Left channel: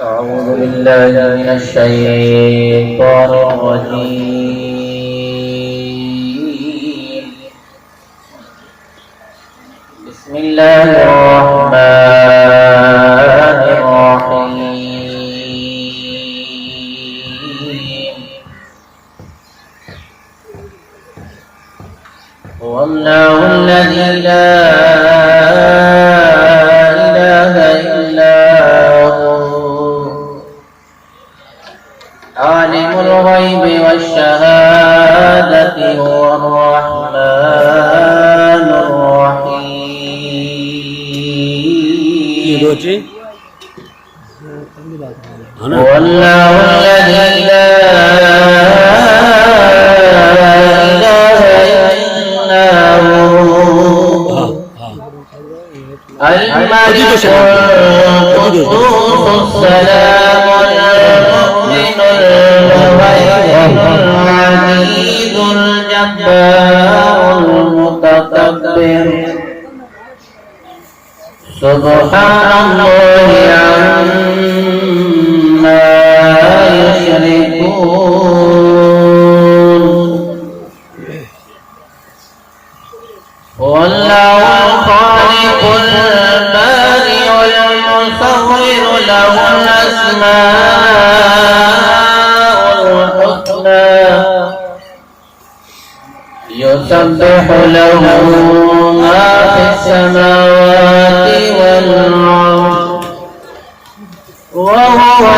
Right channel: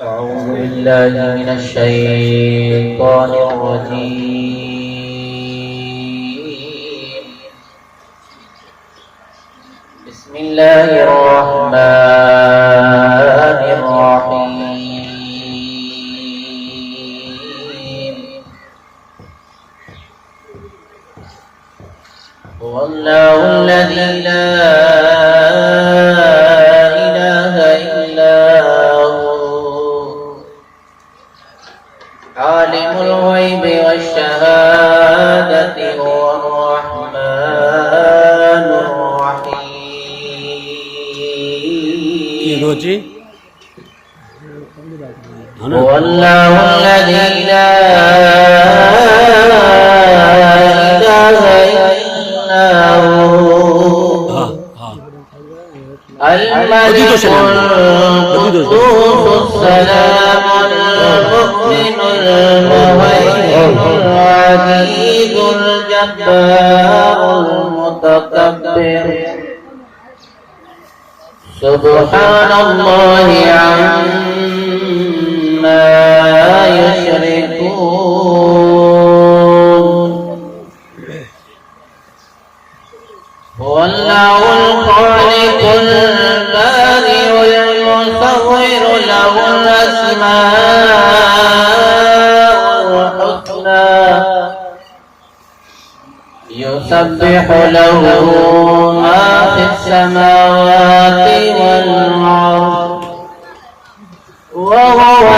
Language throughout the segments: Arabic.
أعوذ بالله من الشيطان الرجيم. بسم الله الرحمن الرحيم. هو الله الذي لا إله إلا هو عالم الغيب والشهادة هو الرحمن الرحيم. هو الله الذي لا إله إلا هو الملك القدوس السلام المؤمن المهيمن العزيز الجبار المتكبر سبحان الله عما يشركون. هو الله الخالق البارئ المصور له الأسماء الحسنى يسبح له ما في السماوات والأرض وهو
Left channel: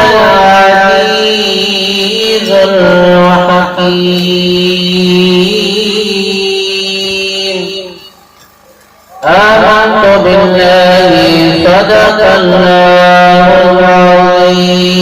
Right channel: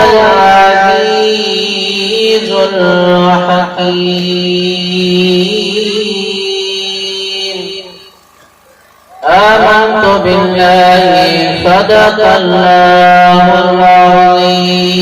العزيز الحكيم. آمنت بالله صدق الله العظيم.